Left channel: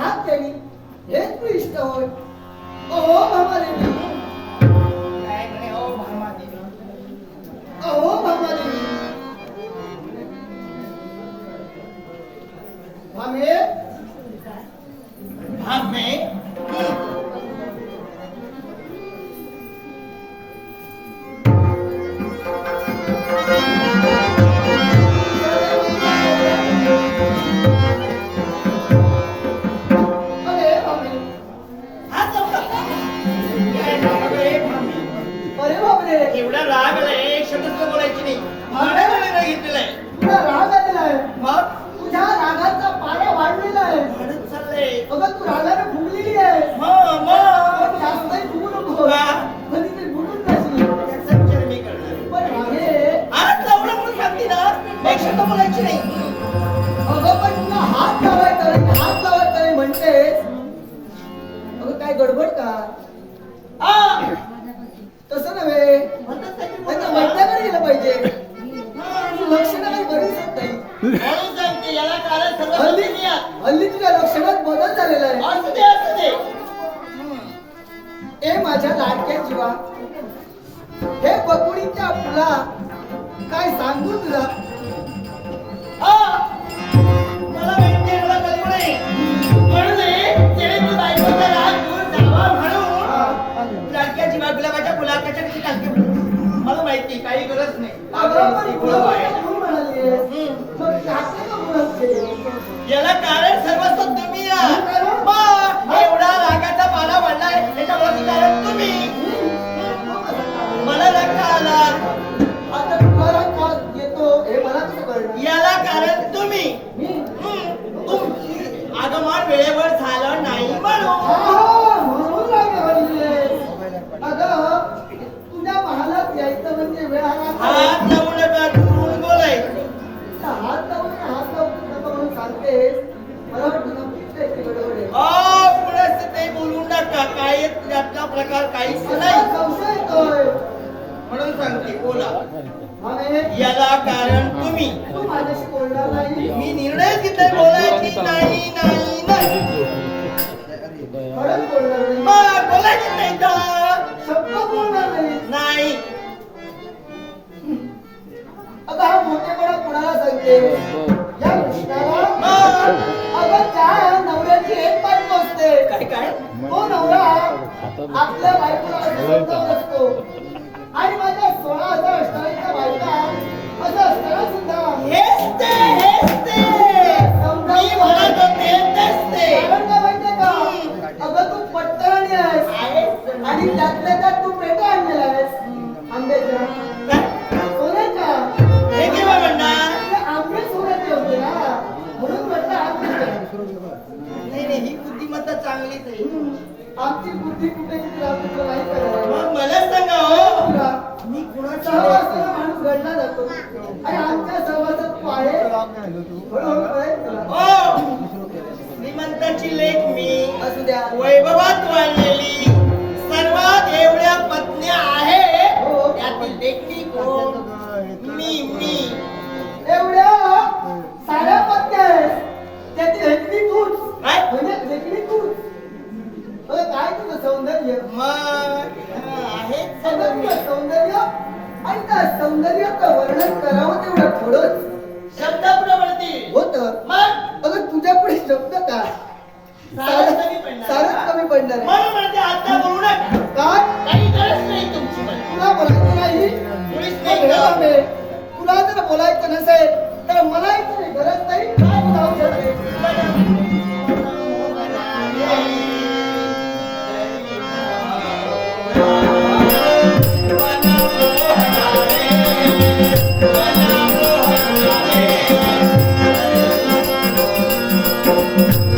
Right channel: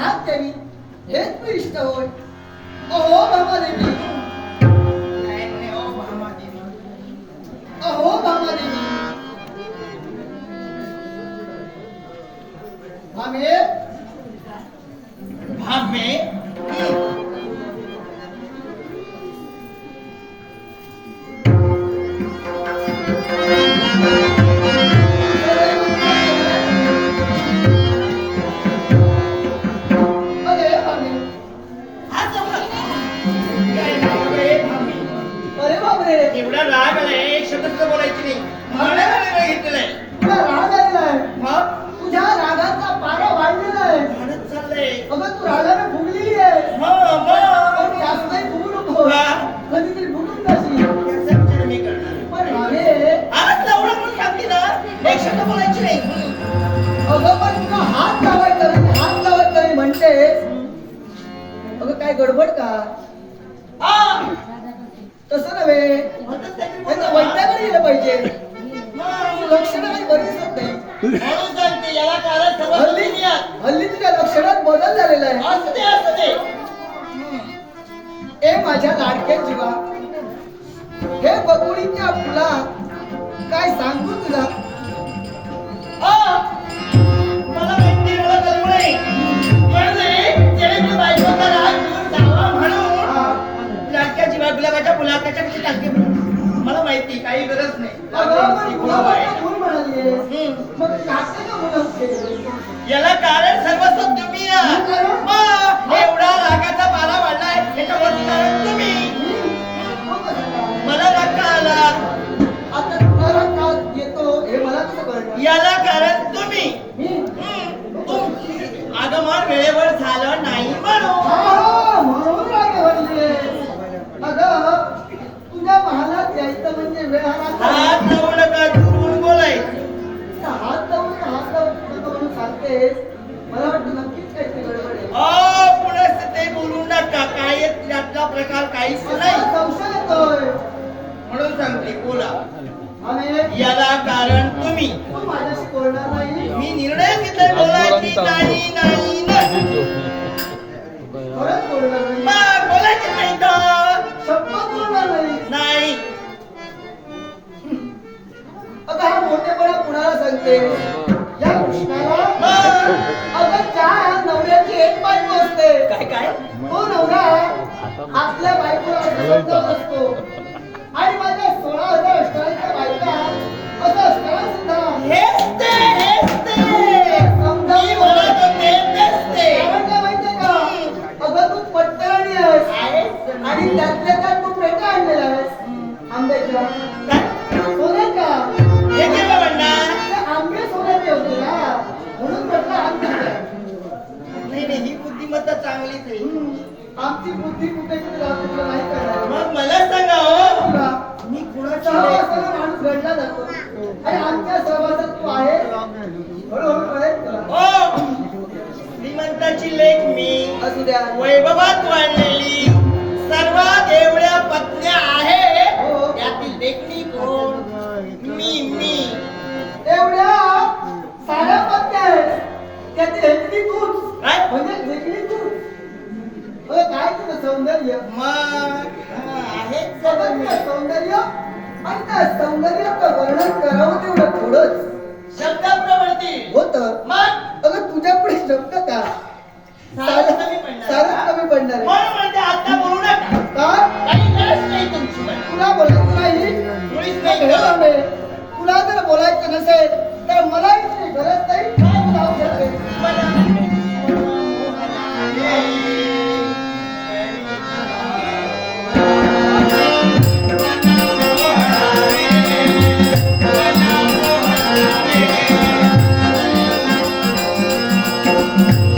हात देवी हेच प्रिष्ट होय. अहो भामादेवी, काय म्हणे ओ भामादेवी? अहो भामादेवी, भामे भामे अरे भामे, हा जमलं. काय नाव रे भामे? अरे बापरे, एवढा राग आलाय एक शब्द सुद्धा बोलायची नाही. म्हणायला नाही घेतलेलाय. तुला राग आलेला आहे. मग तुझ्या रागाचा पारा वाढलेला आहे. म्हणत चाललंय. अगं तू रागाने फुगलेली आहे. हो मग पण जास्तही फुगू नको. का? कधीतरी फुगून जाशील. याचा विचार मी करणार. पण भामे, आज लावला म्हणून सांगते ना एक शब्द बोलायची नाही. अगं पण तुला हात लावायचा नाही, हात लावायचा नाही म्हणतेस. अगं काय गडबड का? आ! तसं नव्हे, म्हणतच नाही मी त्यांना बोलतो. वैद्याकडे गेलं पाहिजे. हा. तुझी लक्षणं काही बरी दिसत नाही. म्हणून सांगते याला कारण सर्व हल्ली दुनिया. हल्ली तुझ्या लक्षणात बदल झालेला आहे. असू दे असू दे. ए माझ्या लाडक्या जीवा, हे बकुळीच्या फुला काय सांगू तुला? आ! मला माहिती आहे, मला कळलं नाही. म्हणून त्याने तू बायकोचा राग दूर जावा म्हणून लाडक्या जीवा गुलाबाच्या फुला त्याच्याकडे टाकते. मला माहिती काही गरज नाही. अगं पण ती फुलं फुलं आहे. फुलं म्हणालीयेस. मग टाकते का फुलं? याला कारण सर्वस्व तुम्ही आहात. मग एवढा रागाचा पाला वाढलाय त्याच्यावरती कारण तुम्ही. मला राग का आला? आता तुला का येतो हे मला कसं कळलं? याला कारण तुम्ही. मी? आगमन वेळेवर झालं नाही म्हणून. हा, म्हणून राग भरलीयेस. अगं, तुझ्या महालात यायचं म्हणजे वेळ आला. हात लावू नका दुरून बोलाय. हात लावून नका म्हणून सांगतेस. मला वाटतं नक्कीच काहीतरी गडबड आहे. पुन्हा ते बोलू नका. काय त्यातला प्रकार काहीच असा नाही संशय येतोय. म्हणून सांगते बोला. आणि याला कारण तुम्ही. तू माझ्याशी बोलणार नाही. मी निर्णय घेतलाय बोलायची नाही नाही नाही. खरंच बोलणार नाही. मग बोलायचं नाही तर शपथ बोलणार नाही. नाही. अगं हा मोठेपणा कुणाला सांगते? या कृष्णाला. अगं त्या नवऱ्याची एक बायको असते. काय काय तो नवरा आपल्या बायकोला समजत असतो. आणि माझ्या 16,000 अष्टांच्या बायका असं असताना सुद्धा हेच ते मी समजावून म्हणत होते तेच ते. कारण काय माहितीये का? अगं तू पट्टराणी आहेस. आहेच. आणि त्यातल्या त्यात तू पेटा आणलेला आहेस आंब्याच्या. काय? सोन्याच्या. हे किरवा म्हणणार. ते आंबे सोन्याचे होते ना, म्हणून म्हटलं आंब्याचे. नाही नाही ही बुद्धिमत्ता चांगलीच आहे. आमची बुद्धी कुठे किती राहते तुला नाही कळणार. मग मला सांगा हो तुला मी कुणाची सहवासाला माणूस घडला जातो. आणि आमच्या सहवासात तू आहे. हळूहळू कळेल तुला. हो श्रीमंताची लेख मी. असू द्या. वैभवात वाढलेली सर्वात एवढ्या पत्न्या आहे. हो. त्यातील देखणी कोण? मी एवढ्या साऱ्या पत्त्या आहेत. त्याची हेकडी तूच. काय? म्हणजे देखणी तूच. अगं काय तुझं सौंदर्य? मग आहे सौंदर्य आणि त्या सौंदर्याचं वर्णन करावं तेवढं थोडंच शब्दाप्रवृत्ती होतं. मग अगं तुझ्या पुढे शब्द का? सारं कमी पडणार. सारंच कमी पडणार आहे. म्हणून म्हणते आता बोलू नका. का? काही गरज नाही तुमची पण. तुला बोलायचं नाही. मुळीच नाही नाही गरज. गं. तुला जर बोलायचं नसेल तर मलाही काही गरज नाही. काय तुला औषध आहे? Thank you.